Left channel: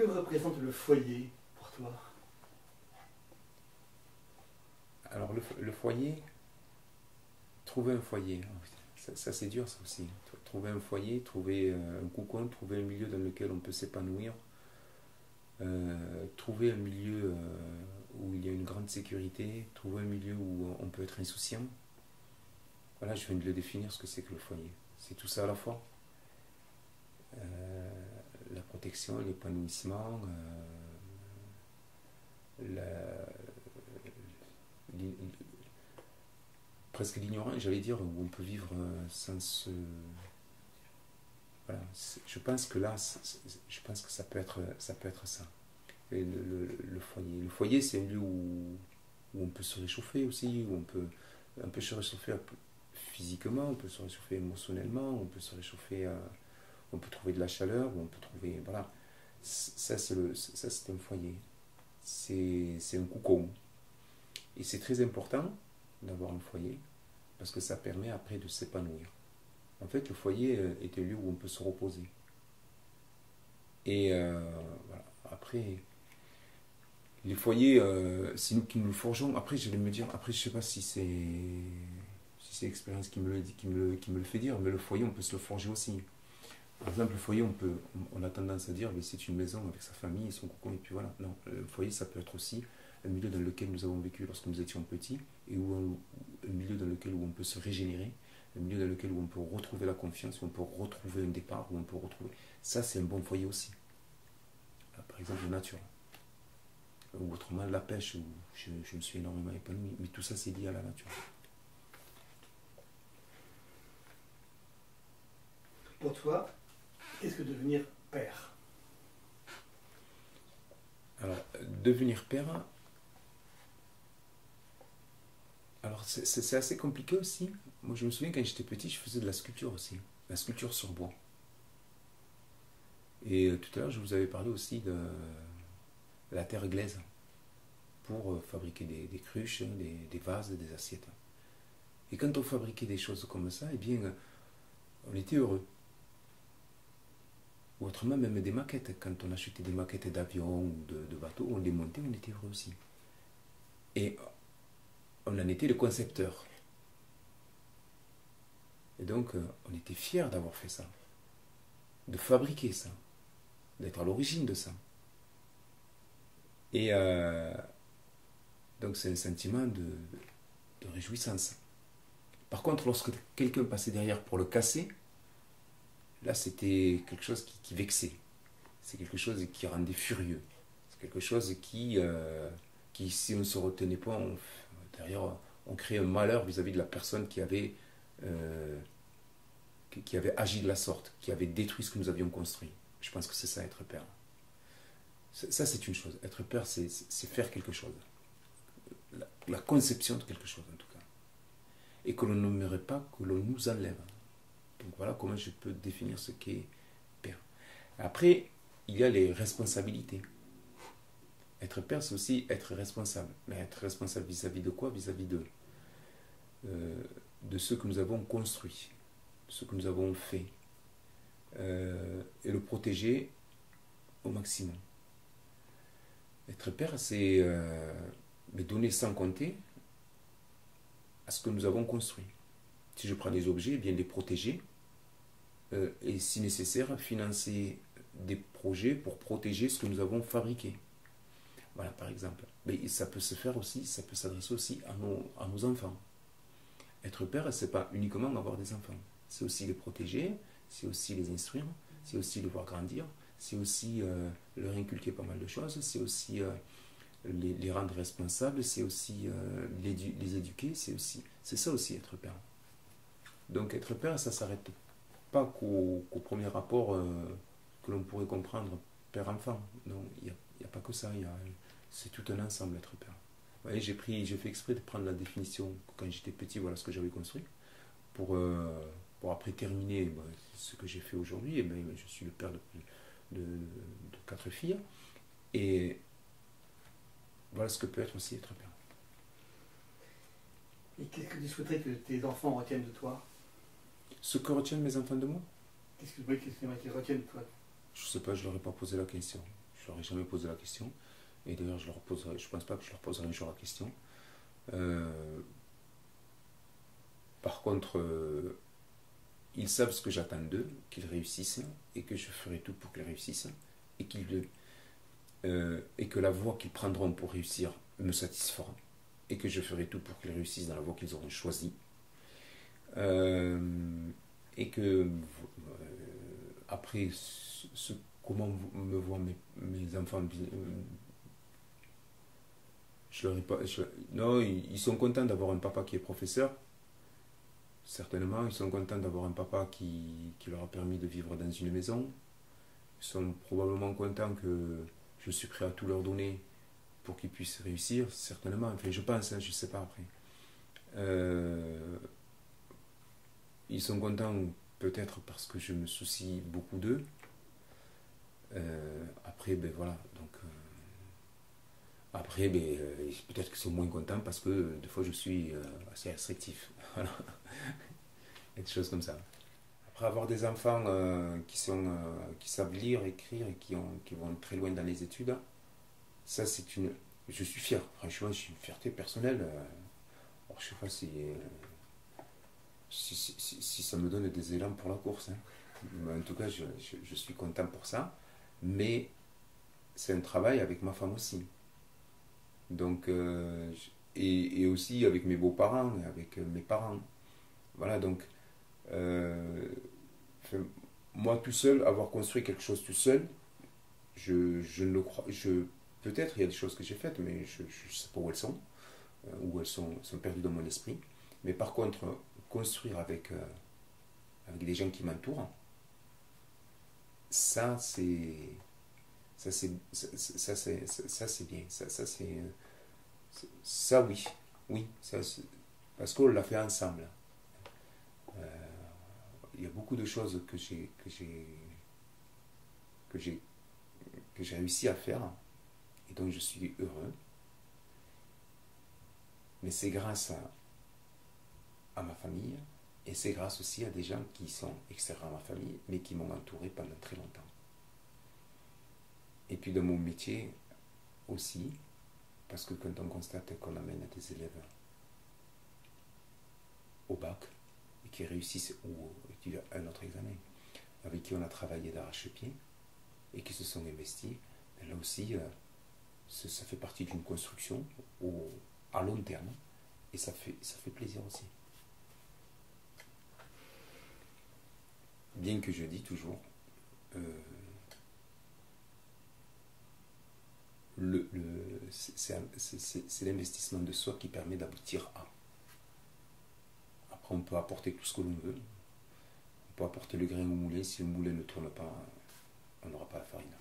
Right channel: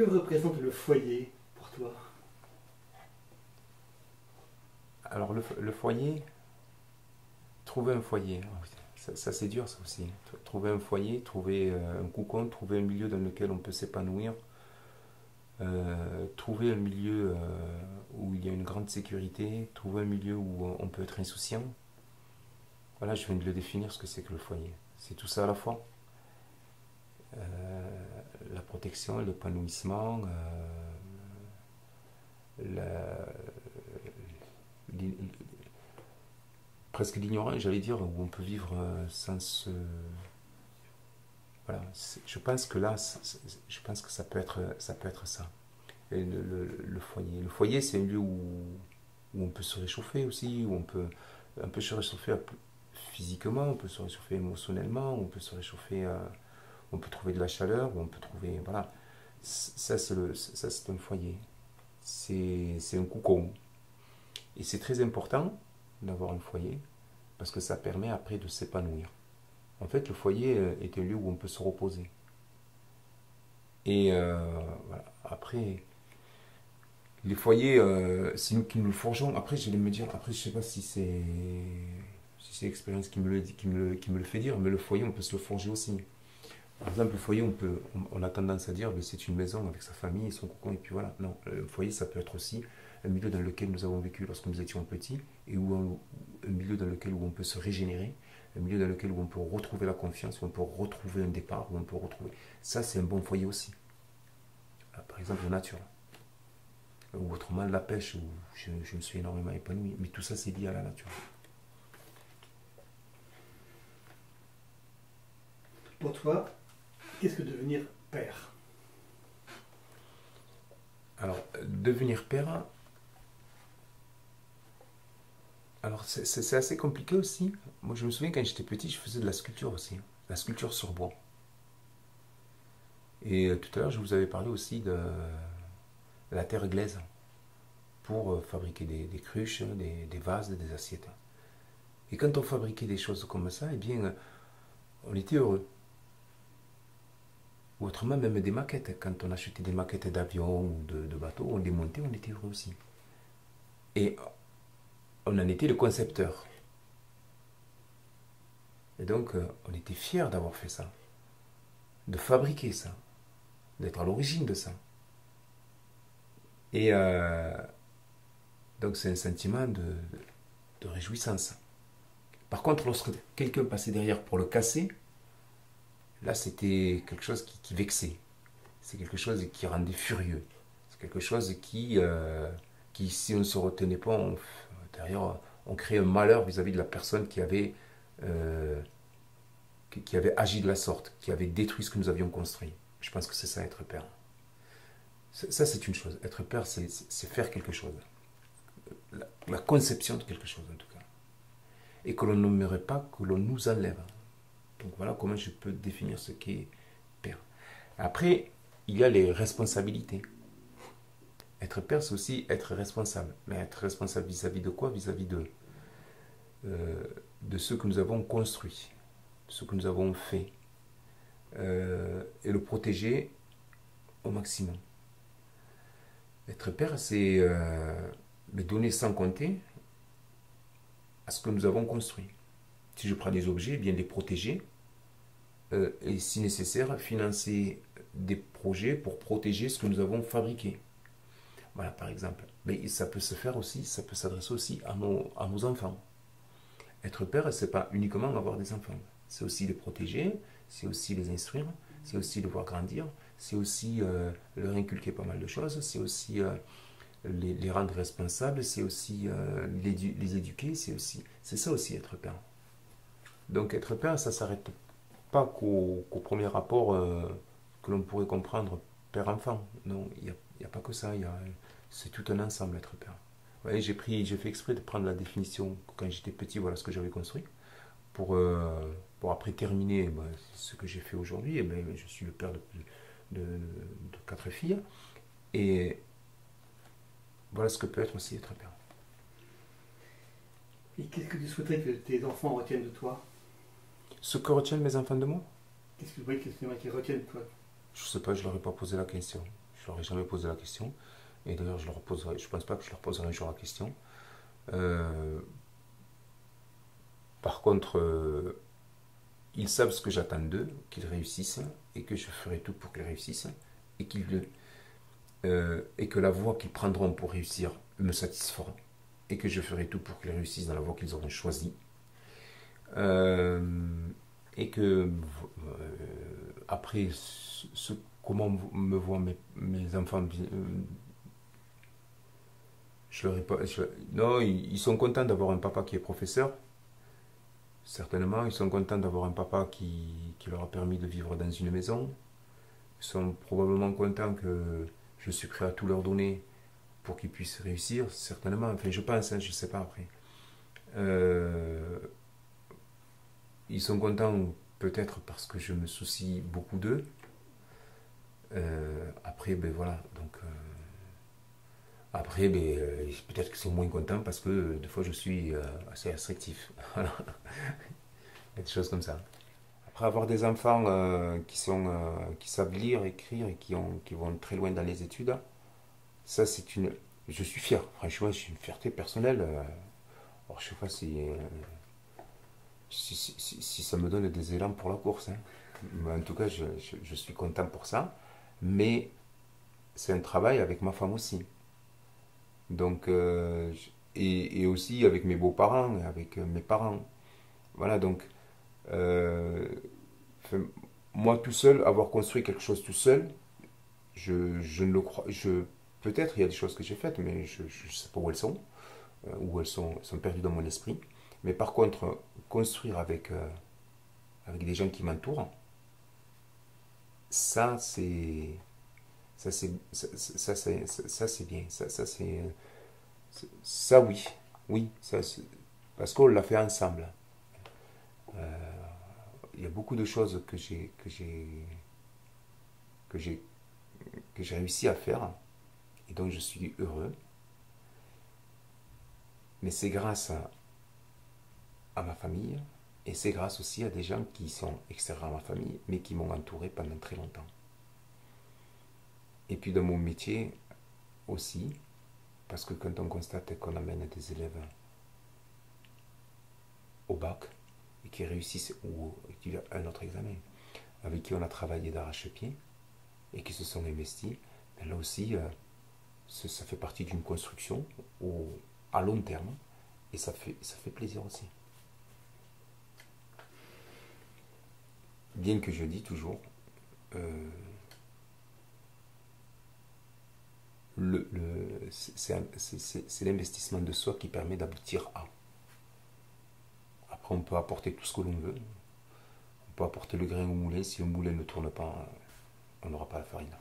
Que représente le foyer pour toi? Alors le foyer, trouver un foyer, ça, c'est dur ça aussi. Trouver un foyer, trouver un cocon, trouver un milieu dans lequel on peut s'épanouir, trouver un milieu où il y a une grande sécurité, trouver un milieu où on peut être insouciant. Voilà, je viens de le définir ce que c'est que le foyer. C'est tout ça à la fois. La protection, l'épanouissement, l'in- presque l'ignorance, j'allais dire, où on peut vivre sans se... Voilà, je pense que là, je pense que ça peut être ça. Et le foyer. Le foyer, c'est un lieu où on peut se réchauffer aussi, où on peut un peu se réchauffer physiquement, on peut se réchauffer émotionnellement, on peut se réchauffer, on peut trouver de la chaleur, on peut trouver, voilà. Ça, c'est un foyer. C'est un cocon. Et c'est très important d'avoir un foyer parce que ça permet après de s'épanouir. En fait, le foyer est un lieu où on peut se reposer. Et voilà. Après, les foyers, c'est nous qui nous le forgeons. Après, je vais me dire, après, je sais pas si c'est l'expérience qui me le fait dire, mais le foyer, on peut se le forger aussi. Par exemple, le foyer, on a tendance à dire, c'est une maison avec sa famille et son cocon, et puis voilà. Non, le foyer, ça peut être aussi un milieu dans lequel nous avons vécu lorsque nous étions petits, et un milieu dans lequel où on peut se régénérer, un milieu dans lequel où on peut retrouver la confiance, où on peut retrouver un départ, où on peut retrouver. Ça, c'est un bon foyer aussi. Par exemple, la nature. Ou autrement, la pêche, où je me suis énormément épanoui. Mais tout ça, c'est lié à la nature. Pour toi, qu'est-ce que devenir père? Alors, devenir père, alors c'est assez compliqué aussi. Moi, je me souviens quand j'étais petit, je faisais de la sculpture aussi. La sculpture sur bois. Et tout à l'heure, je vous avais parlé aussi de la terre glaise pour fabriquer des cruches, des vases, des assiettes. Et quand on fabriquait des choses comme ça, eh bien, on était heureux. Ou autrement, même des maquettes. Quand on achetait des maquettes d'avions ou de bateaux, on les montait, on était heureux aussi. Et on en était le concepteur. Et donc, on était fiers d'avoir fait ça, de fabriquer ça, d'être à l'origine de ça. Et donc, c'est un sentiment de réjouissance. Par contre, lorsque quelqu'un passait derrière pour le casser, là, c'était quelque chose qui vexait. C'est quelque chose qui rendait furieux. C'est quelque chose qui si on ne se retenait pas, derrière, on crée un malheur vis-à-vis de la personne euh, qui avait agi de la sorte, qui avait détruit ce que nous avions construit. Je pense que c'est ça, être père. Ça, c'est une chose. Être père, c'est faire quelque chose. La conception de quelque chose, en tout cas. Et que l'on n'aimerait pas que l'on nous enlève. Donc voilà comment je peux définir ce qu'est père. Après, il y a les responsabilités. Être père, c'est aussi être responsable. Mais être responsable vis-à-vis de quoi? Vis-à-vis de ce que nous avons construit, de ce que nous avons fait. Et le protéger au maximum. Être père, c'est donner sans compter à ce que nous avons construit. Si je prends des objets, bien les protéger et si nécessaire, financer des projets pour protéger ce que nous avons fabriqué. Voilà, par exemple. Mais ça peut se faire aussi, ça peut s'adresser aussi à nos enfants. Être père, c'est pas uniquement avoir des enfants. C'est aussi les protéger, c'est aussi les instruire, c'est aussi les voir grandir, c'est aussi leur inculquer pas mal de choses, c'est aussi les rendre responsables, c'est aussi les éduquer, c'est ça aussi être père. Donc être père, ça ne s'arrête pas qu'au premier rapport que l'on pourrait comprendre père-enfant. Non, il n'y a pas que ça, c'est tout un ensemble être père. Ouais, j'ai fait exprès de prendre la définition quand j'étais petit, voilà ce que j'avais construit, pour après terminer ce que j'ai fait aujourd'hui. Et ben, je suis le père de 4 filles, et voilà ce que peut être aussi être père. Et qu'est-ce que tu souhaiterais que tes enfants retiennent de toi? Ce que retiennent mes enfants de moi, Qu'est-ce que tu voudrais qu'ils retiennent de toi? je sais pas, je leur ai pas posé la question. Je leur ai jamais posé la question. Et d'ailleurs, je pense pas que je leur poserai un jour la question. Par contre, ils savent ce que j'attends d'eux, qu'ils réussissent, et que je ferai tout pour qu'ils réussissent, et, et que la voie qu'ils prendront pour réussir me satisfera, et que je ferai tout pour qu'ils réussissent dans la voie qu'ils auront choisie. Et que après, comment me voient mes enfants, je leur ai pas, non, ils sont contents d'avoir un papa qui est professeur. Certainement, ils sont contents d'avoir un papa qui leur a permis de vivre dans une maison. Ils sont probablement contents que je suis prêt à tout leur donner pour qu'ils puissent réussir. Certainement, enfin je pense, hein, je ne sais pas après. Ils sont contents peut-être parce que je me soucie beaucoup d'eux. Après, ben voilà, donc... après, ben, peut-être que c'est moins content parce que des fois je suis assez restrictif. Voilà. Il y a des choses comme ça. Après avoir des enfants qui savent lire, écrire et qui vont très loin dans les études, ça c'est une... Je suis fier, franchement, c'est une fierté personnelle. Alors je sais pas si ça me donne des élans pour la course. Hein. Mais en tout cas, je suis content pour ça. Mais c'est un travail avec ma femme aussi. Donc, et aussi avec mes beaux-parents, avec mes parents. Voilà, donc, enfin, moi tout seul, avoir construit quelque chose tout seul, je ne le crois. Peut-être il y a des choses que j'ai faites, mais je ne sais pas où elles sont, où elles sont perdues dans mon esprit. Mais par contre, construire avec des gens qui m'entourent, ça c'est ça c'est bien, ça oui, oui, parce qu'on l'a fait ensemble. Il y a beaucoup de choses que j'ai réussi à faire et donc je suis heureux. Mais c'est grâce à ma famille et c'est grâce aussi à des gens qui sont extérieurs à ma famille mais qui m'ont entouré pendant très longtemps. Et puis dans mon métier aussi, parce que quand on constate qu'on amène des élèves au bac et qui réussissent ou qui ont un autre examen, avec qui on a travaillé d'arrache-pied et qui se sont investis, ben là aussi, ça fait partie d'une construction à long terme et ça fait plaisir aussi. Bien que je dis toujours, c'est l'investissement de soi qui permet d'aboutir à. Après, on peut apporter tout ce que l'on veut. On peut apporter le grain au moulin. Si le moulin ne tourne pas, on n'aura pas la farine.